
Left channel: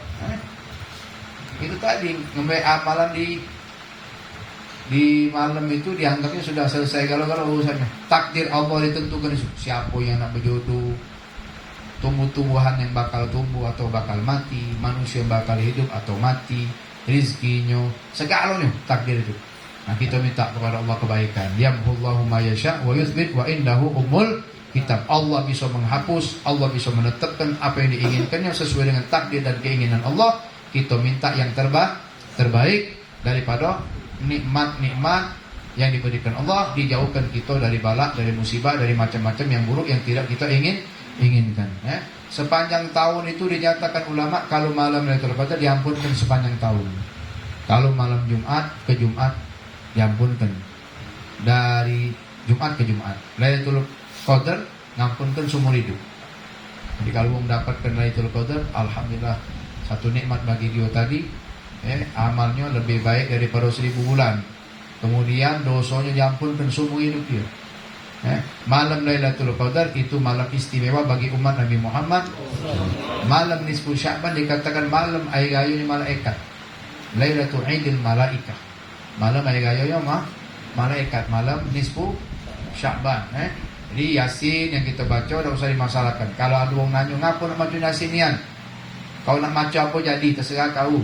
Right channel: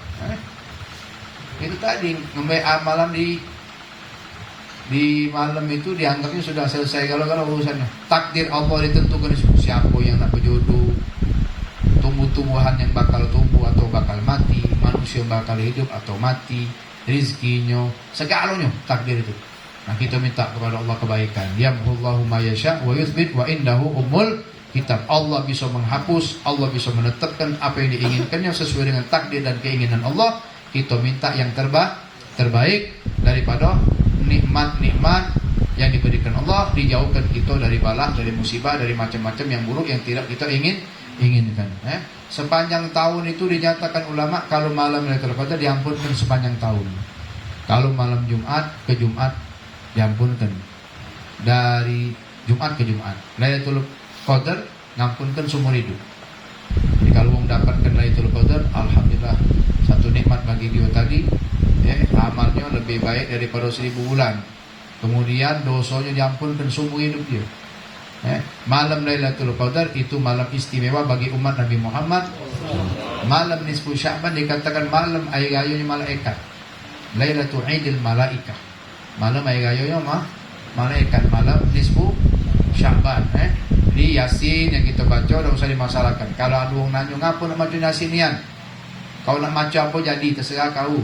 Itu tadi ngambil amalan di malam itu dianggapnya sudah selesai kalau urusannya. Takdir Allah ditentukan siapa yang nak berjodoh, tumbuh-tumbuhan yang bakal tumbuh atau bakal mati, manusia yang bakal hidup atau mati, rizkinya, segalanya takdir itu. Nah kita minta kepada Allah kebaikan. Yamhullahu ma yasha wa yuthbit wa indahu umul kitab. Allah bisa menghapus, Allah bisa menetapkan apa yang diinginkannya sesuai dengan takdir dan keinginan Allah. Kita minta yang terbaik daripada nikmat-nikmat yang diberikan Allah, dijauhkan kita dari bala, dari musibah, dari macam-macam yang buruk yang tidak kita inginkan. Sepanjang tahun itu dinyatakan ulama kalau malam Lailatul Qadar diampunkan sepanjang tahun. Kalau malam Jumat ke Jumat diampunkan. Dari Jumat ke Jumat. Lailatul Qadar ngampunkan seumur hidup. Jadi kalau mendapatkan Lailatul Qadar, alhamdulillah satu nikmat bagi dia tadi. Amalnya lebih baik daripada 1000 bulan. Kemudian dosanya diampunkan seumur hidup dia. Malam Lailatul Qadar itu malam istimewa bagi umat Nabi Muhammad. Malam nisfu Sya'ban dikatakan malam air rayanya malaikat. Lailatul Idil Malaikah. Malam air rayanya malaikat. Malam nisfu Sya'ban. Jadi Yasin yang kita baca tidak usah dimasalahkan. Kalau ada orang nanya ngapa nak baca Yasinian? Kau nak macam apa jadi terserah kau.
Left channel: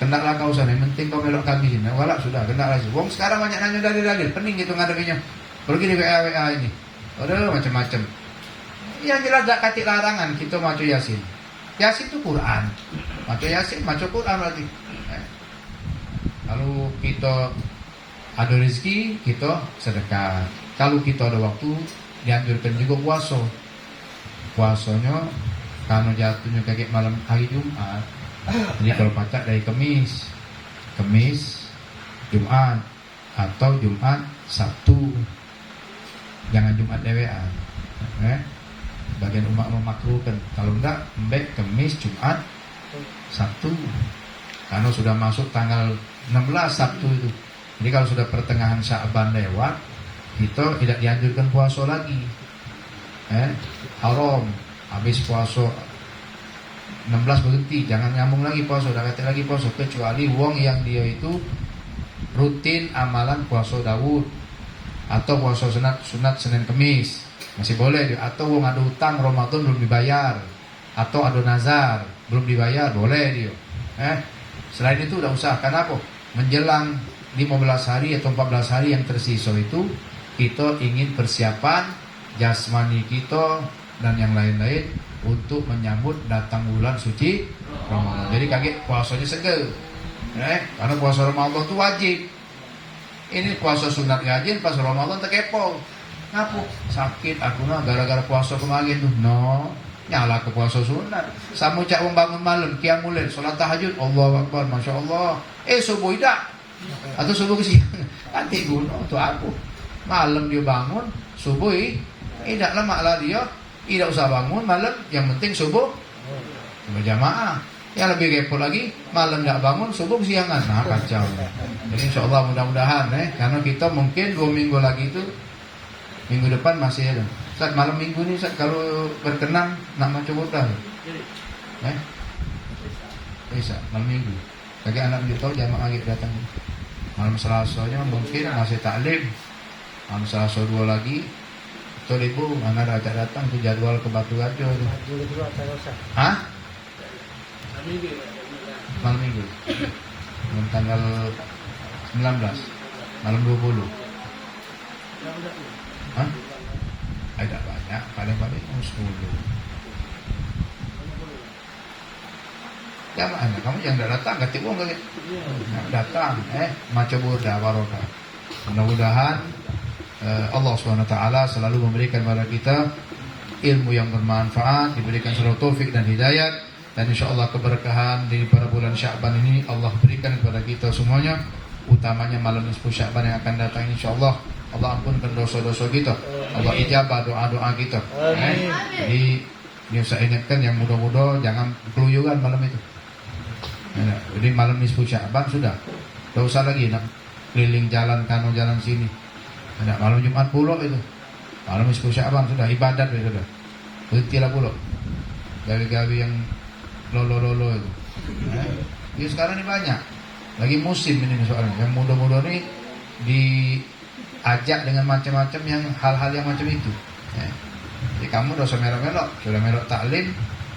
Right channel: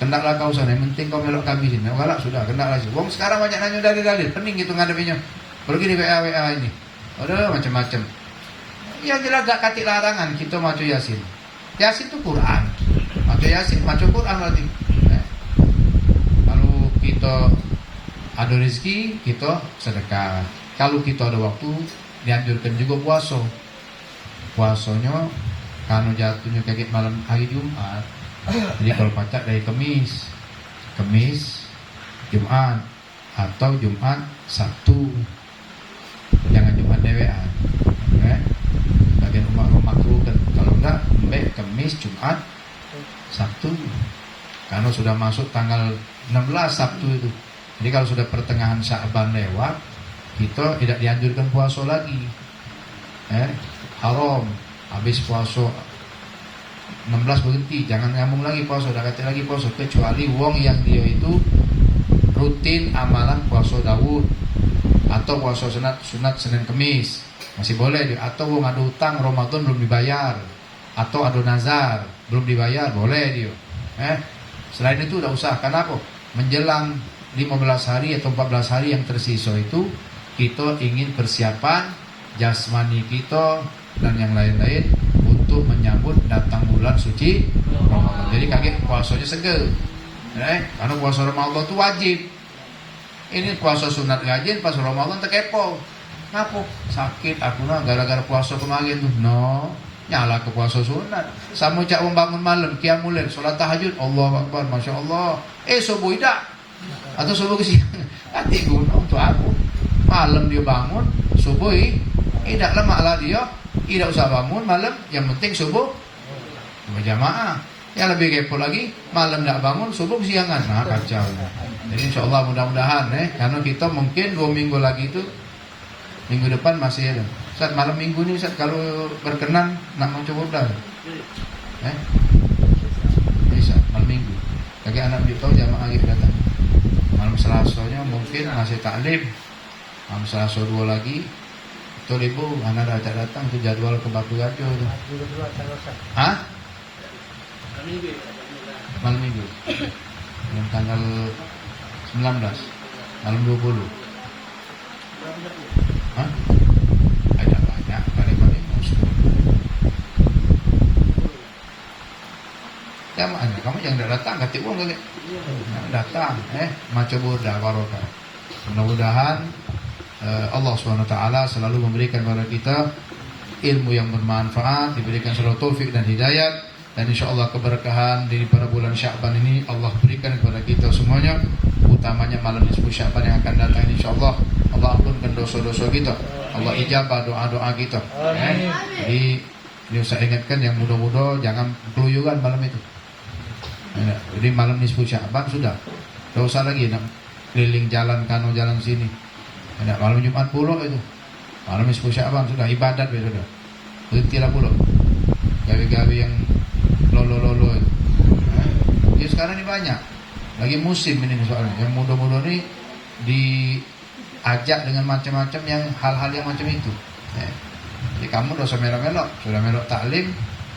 Kendaklah kau sana. Yang penting kau melok kami sini. Walak sudah kendaklah. Wong sekarang banyak nanya dalil-dalil. Pening gitu ngadapinya. Pergi di WA ini. Ada macam-macam. Yang jelas tak kati larangan kita maca Yasin. Yasin itu Quran. Maca Yasin, maca Quran berarti. Kalau kita ada rezeki, kita sedekah. Kalau kita ada waktu, dianjurkan juga puasa. Puasanya kalau jatuhnya kayak malam hari Jumat. Jadi kalau pacak dari Kamis, Jumat, atau Jumat, Sabtu. Jangan Jumat dewean. Bagian umat memakruhkan. Kalau enggak, Kamis, Jumat, Sabtu. Karena sudah masuk tanggal 16 Sabtu itu. Jadi kalau sudah pertengahan Sya'ban lewat, kita tidak dianjurkan puasa lagi. Haram. Habis puasa 16 berhenti, jangan nyambung lagi puasa, udah kata lagi puasa, kecuali wong yang dia itu rutin amalan puasa Daud atau puasa sunat Senin Kemis masih boleh dia. Atau wong ada utang Ramadan belum dibayar, atau ada nazar belum dibayar, boleh dia. Selain itu udah usah. Kenapa? Menjelang 15 hari atau 14 hari yang tersisa itu kita ingin persiapan jasmani kita dan yang lain-lain untuk menyambut datang bulan suci Ramadan. Jadi kaget puasanya segel. Karena puasa Ramadan itu wajib. Ini puasa sunat rajin pas Ramadan terkepo. Kenapa? Sakit aku gara-gara puasa kemarin tuh. No, nyala ke puasa sunat. Sama cak bangun malam, qiyamul lail, salat tahajud, Allahu Akbar, Masya Allah. Subuh tidak. Atau subuh ke siang. Nanti guna untuk aku. Malam dia bangun, subuh tidak lama lah dia. Tidak usah bangun malam, yang penting subuh berjamaah. Yang lebih kepo lagi, malam tidak bangun, subuh siangan. Nah, kacau. Jadi insya Allah mudah-mudahan karena kita mungkin 2 minggu lagi itu, minggu depan masih ada. Saat malam minggu ini, saat kalau berkenan nak mencoba udah. Bisa malam minggu. Bagi anak tahu jamaah lagi datang. Malam Selasanya mungkin masih taklim. Malam Selasa 2 lagi. Betul ibu, mana ada acara datang ke jadwal ke Batu Gajah. Hah? Malam minggu. Malam tanggal 19, malam 20. Hah? Ada banyak, paling-paling musuh. Ya mana? Kamu yang tidak datang, kata uang kali. Datang, macam burda barokah. Mudah-mudahan Allah SWT selalu memberikan kepada kita ilmu yang bermanfaat, diberikan selalu taufik dan hidayat, dan insya Allah keberkahan di pada bulan Sya'ban ini Allah berikan kepada kita semuanya, utamanya malam nisfu Sya'ban yang akan datang. Insya Allah Allah ampunkan dosa-dosa kita, Allah ijabah doa-doa kita. Jadi saya ingatkan yang muda-muda jangan keluyuran malam itu. Jadi malam nisfu Sya'ban sudah, tidak usah lagi nak keliling jalan kanu jalan sini. Ada malam Jumat pulau itu, malam nisfu Sya'ban sudah ibadat sudah. Berhentilah pulau gawi-gawi yang lolo-lolo itu. Jadi sekarang ini banyak lagi musim ini soalnya yang muda-muda ini diajak dengan macam-macam yang hal-hal yang macam itu. Jadi kamu dosa melok-melok, sudah melok taklim,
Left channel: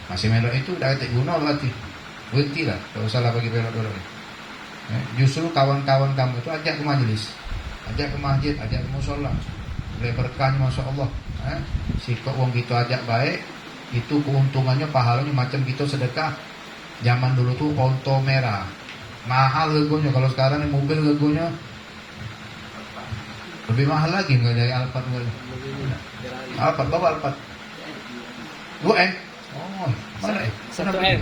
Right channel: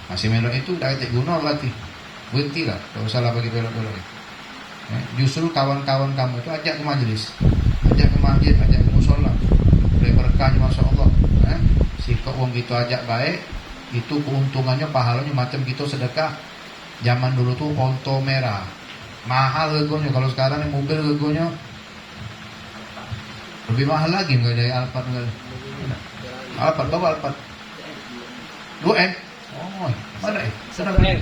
masih melok itu udah cek guna berarti. Berhentilah, tidak usah lah bagi melok-melok. Justru kawan-kawan kamu itu ajak ke majelis, ajak ke masjid, ajak ke musola, boleh berkahnya Masya Allah. Sikap wong kita ajak baik, itu keuntungannya pahalanya macam kita sedekah. Zaman dulu tuh onto merah mahal legonya, kalau sekarang ini mobil legonya lebih mahal lagi nggak dari Alphard nggak? Alphard bawa Alphard 2M. Oh mana? 1M.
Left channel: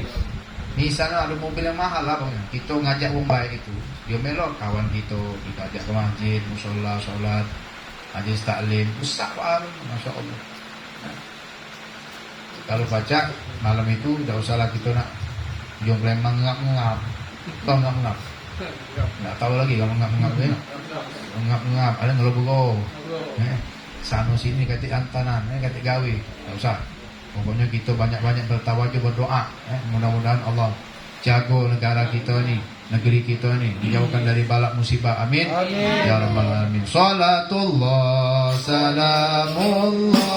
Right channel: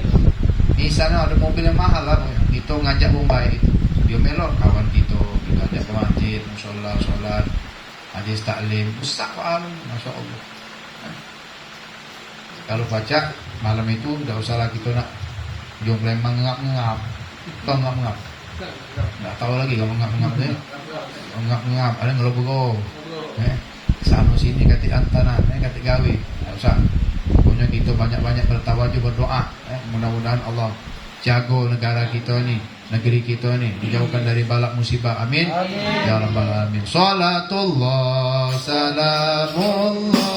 Di sana ada mobil yang mahal lah pokoknya. Kita ngajak wong baik itu. Dia melon kawan kita ajak ke masjid, musola, sholat, hadis taklim, besar banget, Masya Allah. Kalau baca malam itu tidak usah lagi kita nak jombleng mengap-ngap, tahu ngap-ngap? Nggak tahu lagi kalau mengap-ngap ya. Mengap-ngap, ada ngelobo-go. Sana sini kati antana, kati gawe, nggak usah. Pokoknya kita banyak-banyak bertawajuh berdoa. Mudah-mudahan Allah jago negara kita ini, negeri kita ini, dijauhkan dari balak musibah. Amin. Ya Rabbal Alamin. Salatullah, salamullah